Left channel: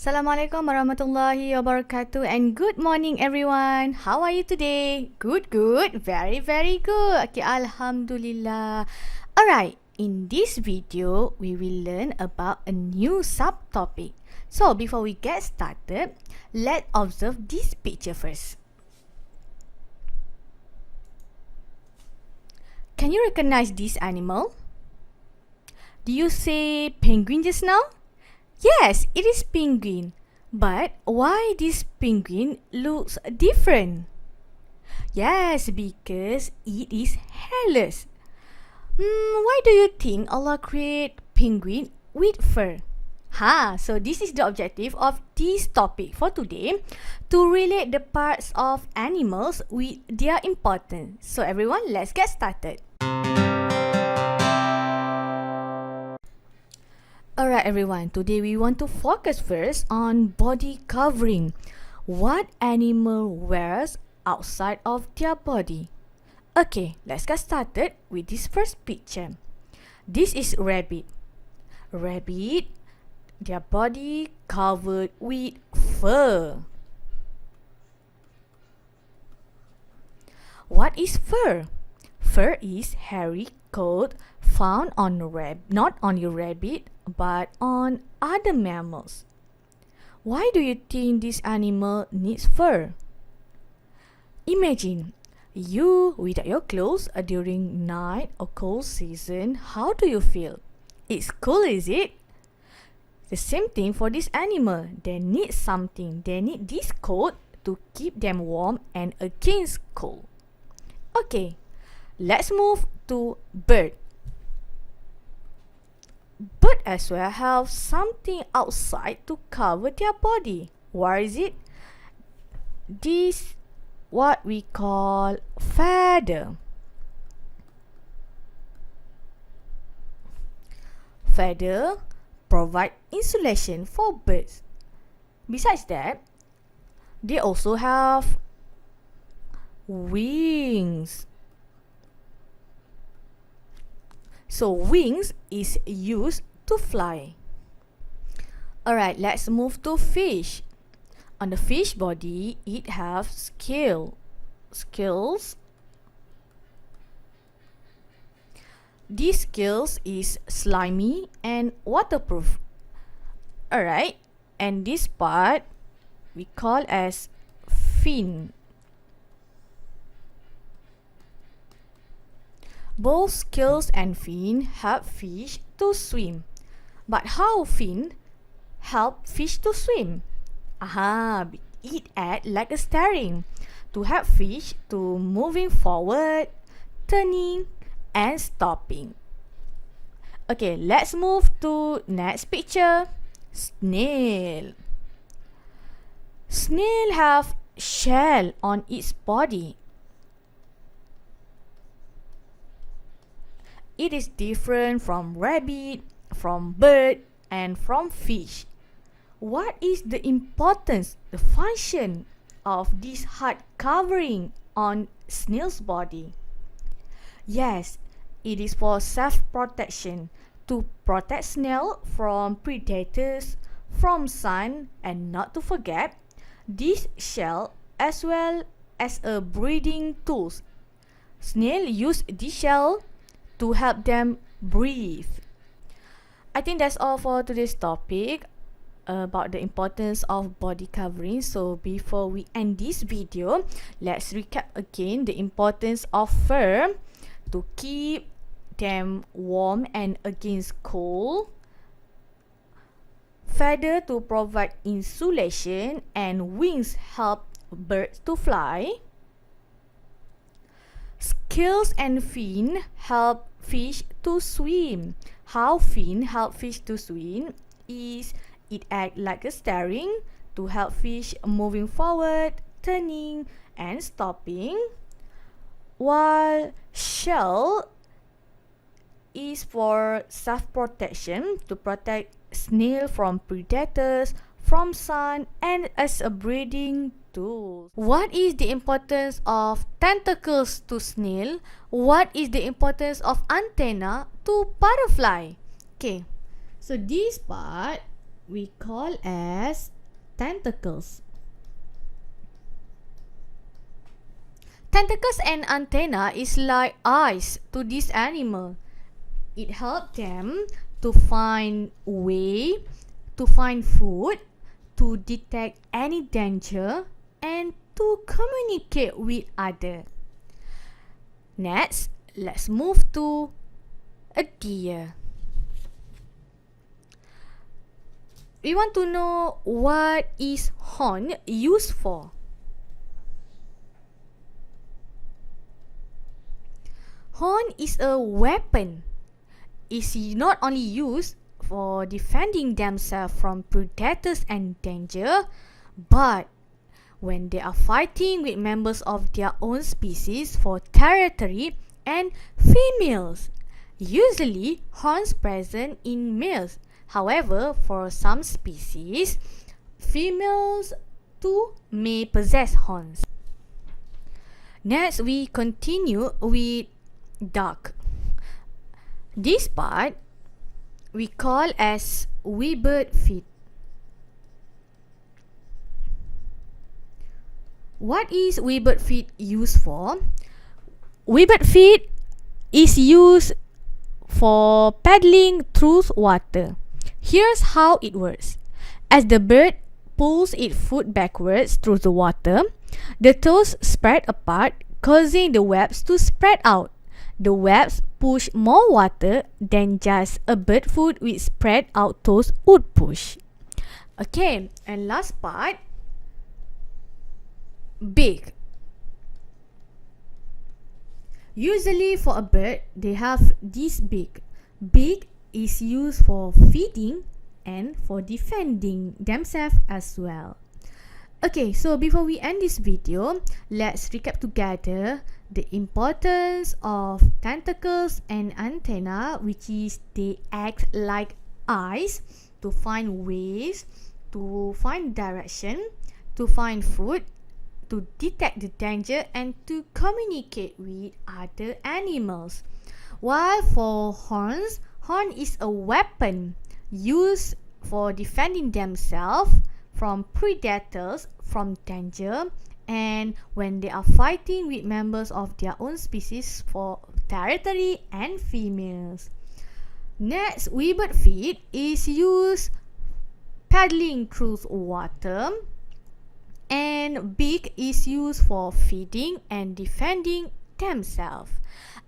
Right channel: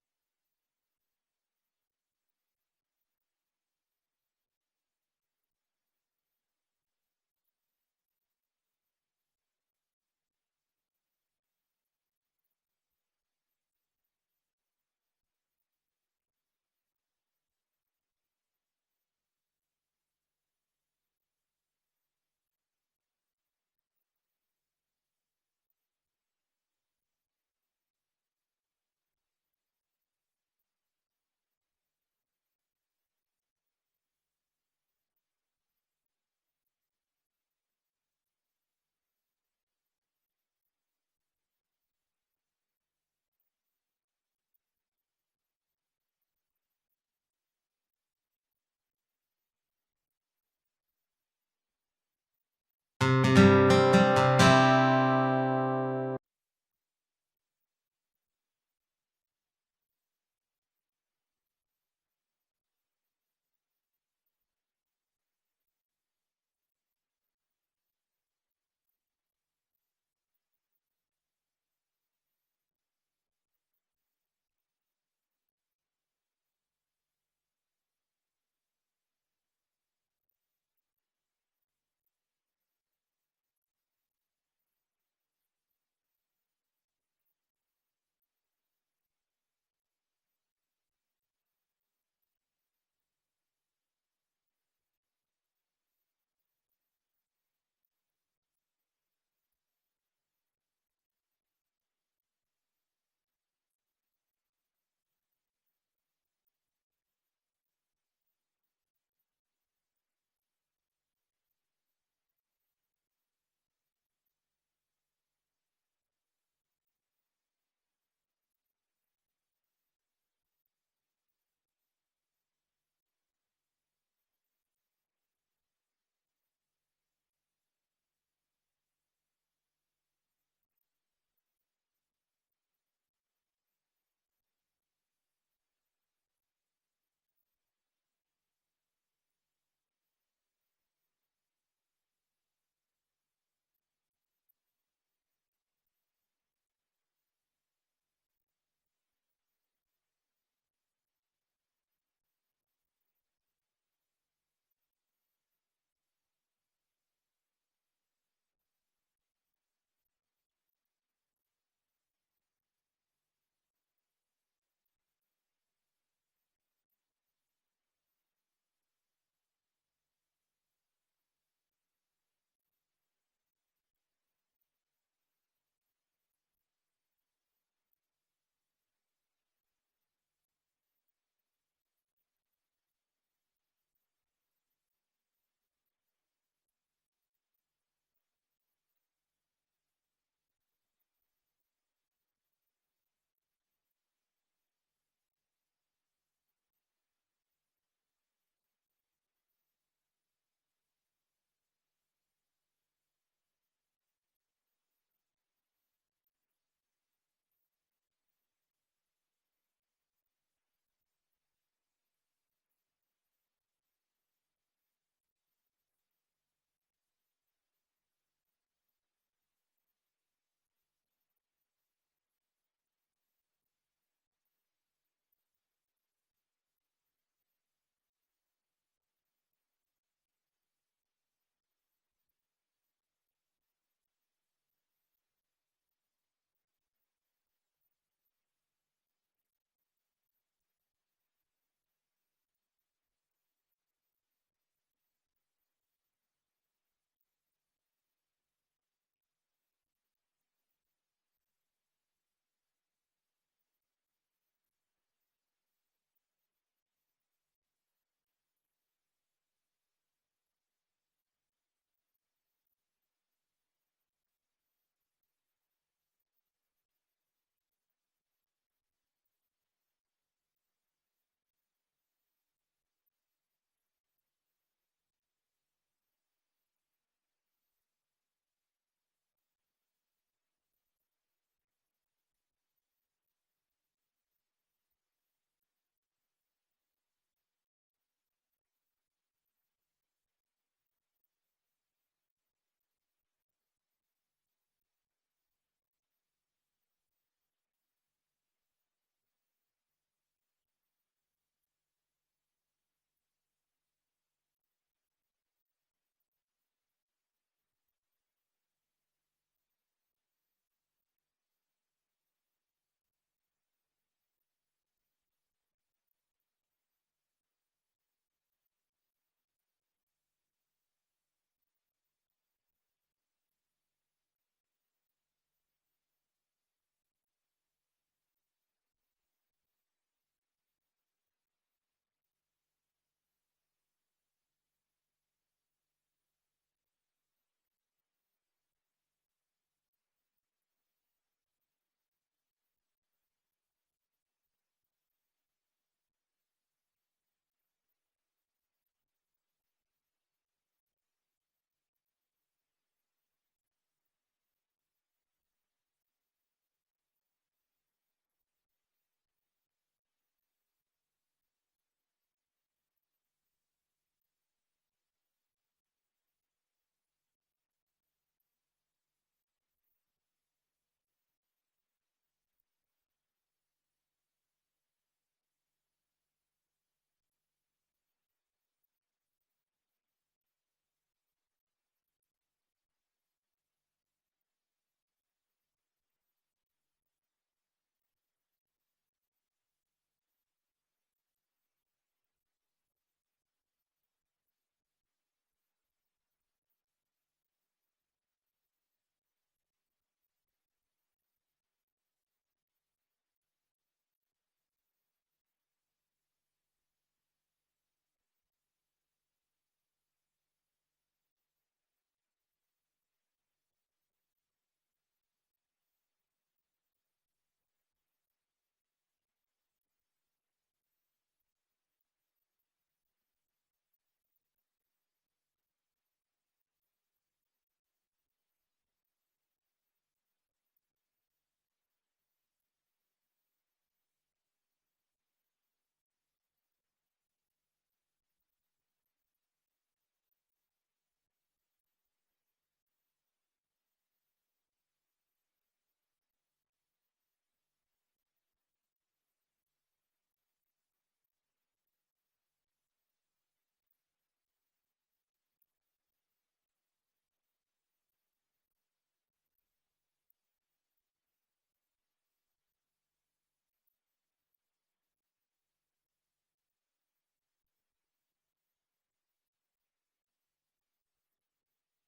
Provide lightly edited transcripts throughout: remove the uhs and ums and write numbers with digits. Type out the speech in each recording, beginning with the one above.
Assalamualaikum warahmatullahi wabarakatuh and good morning everyone. How are you today? Good, very, very good. Okay, Alhamdulillah. Alright, in this video, we will learn about a new subtopic. So, before we get started, let's observe this picture first. Can you recognize this animal? Do you say penguin just now? Yes, it is penguin. But why this penguin looks different? Yes, because it is hairless. Why do you think Allah create penguin with fur? So this is the objective of this topic for today, to relate the parts of animals with their importance. So everyone, let's get started. Alright everyone, today we want to focus first on body covering. What animal wears outside of their body? Okay, let's get started with this first picture. This is rabbit. Rabbit, their body covered with fur. What is fur? Fur is hairy coat found on not on your rabbit but on other mammals. Why do you think this animal needs fur? Imagine you without your clothes during night or cold season. How do you feel? It's cool, is it? The same thing for this animal. They need something. They need this coat to keep them warm and against cold. Okay, let's move to bird. Bird as well have something outside to cover their body. What is it? This what we call feather. Feather provide insulation for birds. Besides that, they also have wings. So wings is used to fly. Alright, let's move to fish. On the fish body, it have scales. These scales is slimy and waterproof. Alright, and this part we call as fin. Both scales and fin help fish to swim. But how fin help fish to swim? It act like a steering to help fish to moving forward, turning, and stopping. Okay, let's move to next picture. Snail. Snail have shell on its body. It is different from rabbit, from bird, and from fish. What is the importance, the function of this hard covering on snail's body? Yes, it is for self-protection, to protect snail from predators, from sun, and not to forget, this shell as well as a breathing tools. Snail use this shell to help them breathe. I think that's all for today's topic about the importance of body covering. So before we end this video, let's recap again the importance of fur to keep them warm and against cold, feather to provide insulation, and wings help birds to fly. Scales and fin help fish to swim. How fin help fish to swim is it act like a steering to help fish moving forward, turning, and stopping. While shell is for self-protection, to protect snail from predators, from sun, and as a breeding tool. What is the importance of tentacles to snail? What is the importance of antenna to butterfly? Okay, so this part we call as tentacles. Tentacles and antenna is like eyes to this animal. It helps them to find way, to find food, to detect any danger, and to communicate with others. Next, let's move to a deer. We want to know what is horn used for. Horn is a weapon. It's not only used for defending themselves from predators and danger, but when they are fighting with members of their own species for territory and females. Usually, horns present in males. However, for some species, females too may possess horns. Next, we continue with duck. This part we call as webbed feet. What is webbed feet used for? Webbed feet is used for paddling through water. Here's how it works. As the bird pulls its foot backwards through the water, the toes spread apart, causing the webs to spread out. The webs push more water than just a bird foot with spread out toes would push. Okay, and last part, beak. Usually for a bird, they have this beak. Beak is used for feeding and for defending themselves as well. Okay, so before we end this video, let's recap together the importance of tentacles and antenna, which is they act like eyes to find ways, to find direction, to find food, to detect the danger, and to communicate with other animals. While for horns, horn is a weapon used for defending themselves from predators, from danger, and when they are fighting with members of their own species for territory and females. Next, webbed feet is used paddling through water, and beak is used for feeding and defending themselves.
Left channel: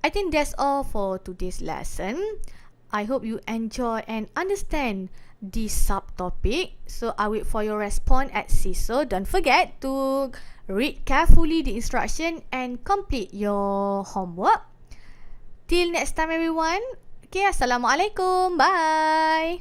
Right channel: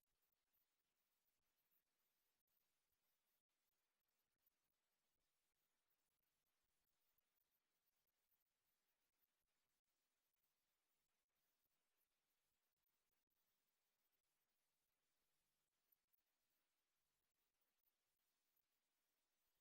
I think that's all for today's lesson. I hope you enjoy and understand this subtopic. So I wait for your response at CISO. Don't forget to read carefully the instruction and complete your homework. Till next time everyone. Okay, Assalamualaikum. Bye.